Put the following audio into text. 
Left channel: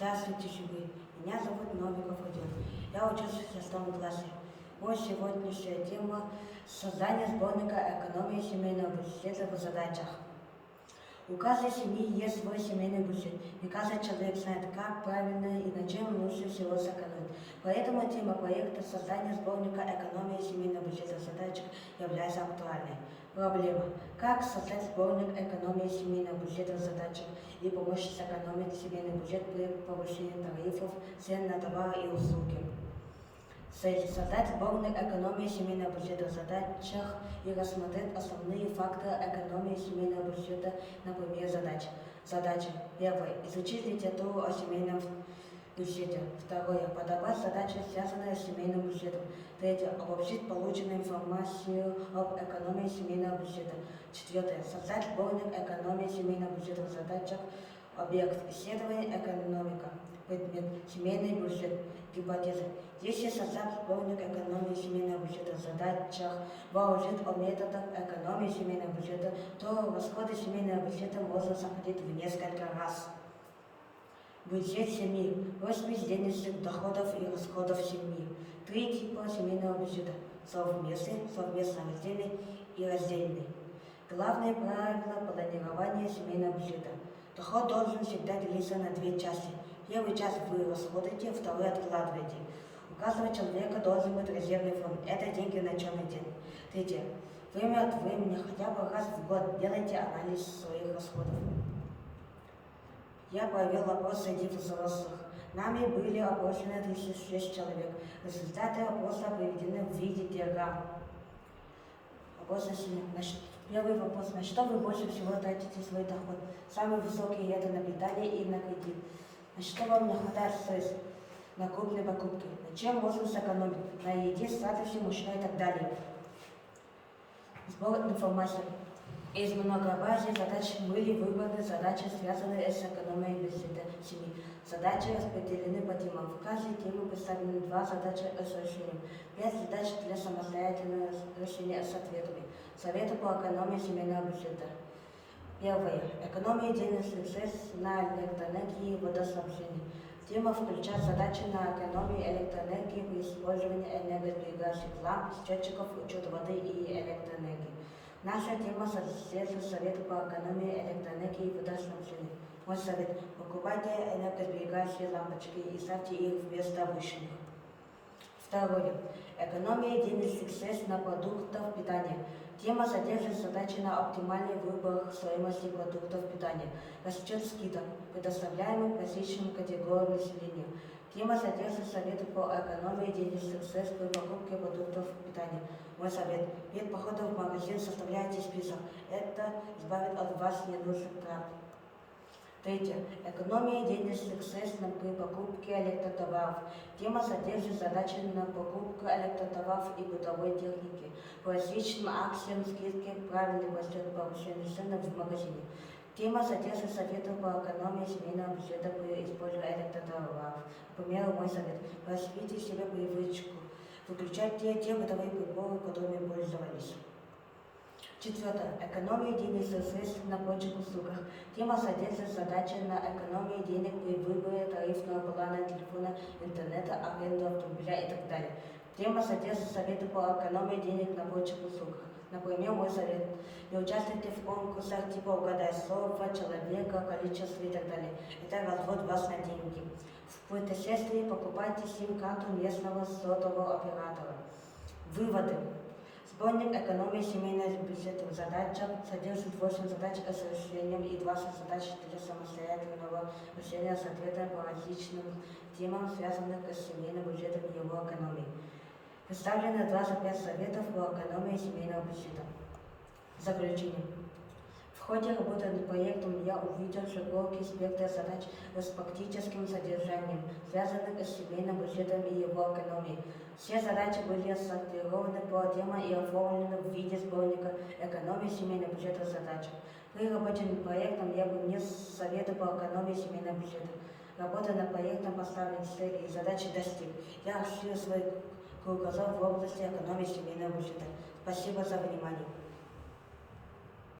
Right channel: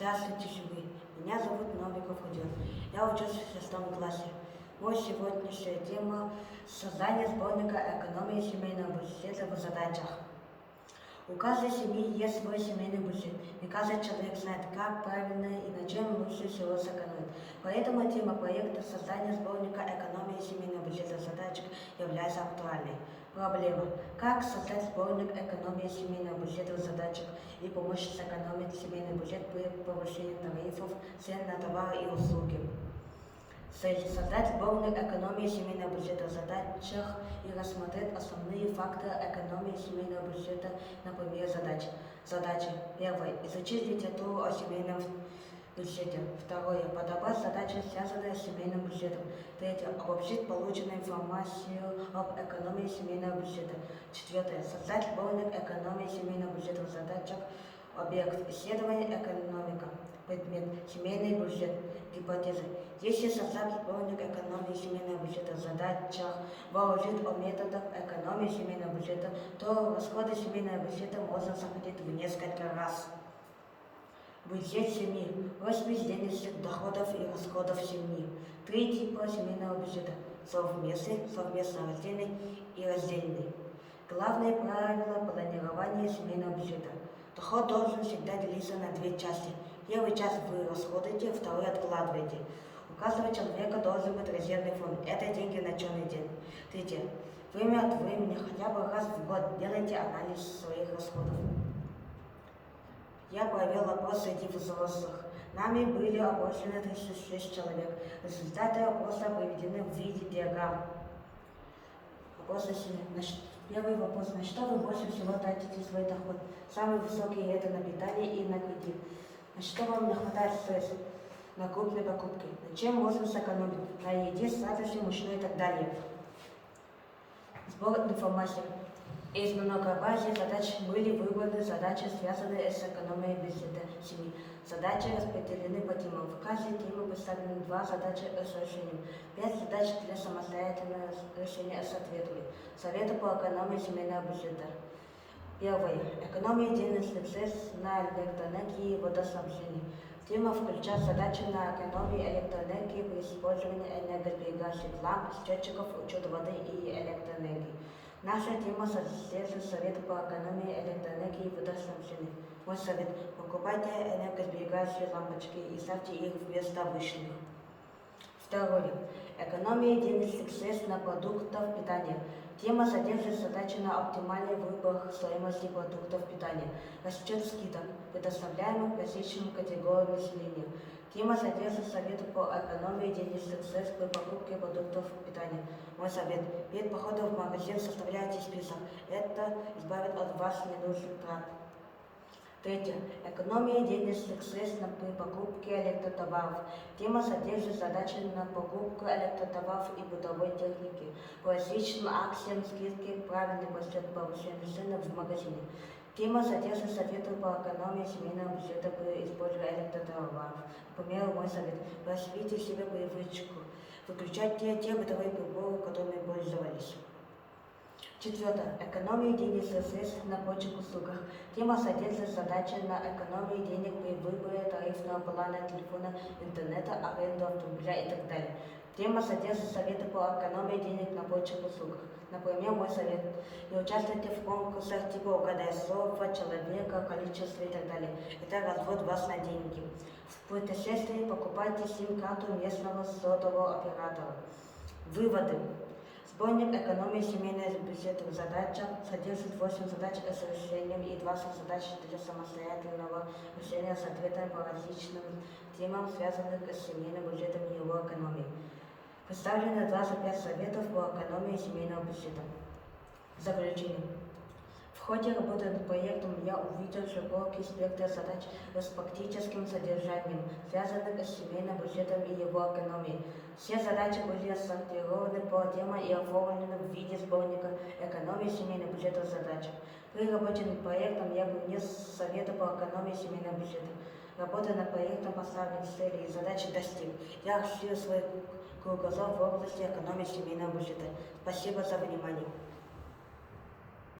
Здравствуйте, живые! Меня зовут Новиков Родион. Я учусь в 6 классе. Вот сегодняшняя тема – создание сборника экономии семейного бюджета в задачах. У каждой семьи есть свой семейный бюджет, и каждый человек знает, как правильно и на чем лучше всего сэкономить. Поэтому тема проекта создания сборника экономии семейного бюджета в задачах является актуальной. Проблема – как создать сборник экономии семейного бюджета в задачах и помочь сэкономить семейный бюджет при повышении тарифов, цен на товары и услуги. Цель – создать сборник экономии семейного бюджета в задачах и рассмотреть основные факторы экономии семейного бюджета на примере задач. Задача. Первое. Изучить литературу о семейном бюджете. Второе. Подобрать задачи, связанные с семейным бюджетом. Третье. Обобщить полученную информацию об экономии семейного бюджета. Четвертое. Создать сборник экономии семейного бюджета в задачах. Объект. Исследование экономика. Предмет. Семейный бюджет. Гипотеза. Если создать сборник экономии семейного бюджета в задачах, выложить о методах экономии семейного бюджета, то расходы семейного бюджета можно сократить в несколько раз. Бюджет семьи. Розпись денежных доходов и расходов семьи. 3 типа семейного бюджета. Совместный, совместно раздельный и раздельный. Главное правило планирования семейного бюджета. Доход должен всегда делиться на 2 части. Первую часть вы расходуете, вторую откладываете. У каждого человека должен быть резервный фонд. Это деньги на черный день. Третье. Время от времени, хотя бы раз в год, делайте анализ своих расходов. Я провел опрос среди взрослых. Нами были опрошены 36 человек. Результаты опроса приведены в виде диаграмм. Первый вопрос. На что вы больше всего тратите свой доход? Самый высокий – это на питание и на кредит. На что вам не хватает средств? На крупные покупки. На чем можно сэкономить? На еде, сладости, мучной и так далее. Сбор информации. Из многообразия задач были выбраны задачи, связанные с экономией бюджета семьи. Задачи распределены по темам. В каждой теме представлены 2 задачи с решением, 5 задач для самостоятельного решения с ответами. Советы по экономии семейного бюджета. Первое. Экономия денежных средств на электроэнергии и водоснабжении. Тема включает задачи на экономию электроэнергии при использовании энергосберегающих ламп, счетчиков, учет воды и электроэнергии. Наша тема содержит советы по экономии электроэнергии и водоснабжения. Мой совет – покупайте энергосберегающие лампочки и ставьте их вместо обычных. Второе. Экономия денежных средств на продуктов питания. Тема содержит задачи на оптимальный выбор стоимости продуктов питания, расчет скидок, предоставляемых различным категориям населения. Тема содержит советы по экономии денежных средств при покупке продуктов питания. Мой совет – перед походом в магазин составляйте список. Это избавит от вас ненужных трат. Третье. Экономия денежных средств при покупке электротоваров. Тема содержит задачи на покупку электротоваров и бытовой техники. По различным акциям, скидки, правильный подсчет повышения цены в магазине. Тема содержит советы по экономии семейного бюджета при использовании электротоваров. Например, мой совет – развейте себе привычку. Выключайте те бытовые приборы, которыми пользовались. Четвертое. Экономия денежных средств на прочих услугах. Тема содержит задачи на экономию денег при выборе тарифного плана телефона, интернета, аренду автомобиля и так далее. Тема содержит советы по экономии денег на прочих услугах. Например, мой совет – не участвуйте в конкурсах типа «Угадай слово», «Человека», «Количество» и так далее. Это развод вас на деньги. В путешествии покупайте сим-карту местного сотового оператора. Выводы. Сборник экономии семейного бюджета в задачах содержит 8 задач с решением и 20 задач для самостоятельного решения с ответами по различным темам, связанным с семейным бюджетом и его экономией. Представлено 25 советов по экономии семейного бюджета. Заключение. В ходе работы над проектом я увидел широкий спектр задач с практическим содержанием, связанных с семейным бюджетом и его экономией. Все задачи были сортированы по темам и оформлены в виде сборника экономии семейного бюджета задач. При работе над проектом я внес советы по экономии семейного бюджета. Работая над проектом, поставленные цели и задачи достиг. Я расширил свой кругозор в области экономии семейного бюджета. Спасибо за внимание.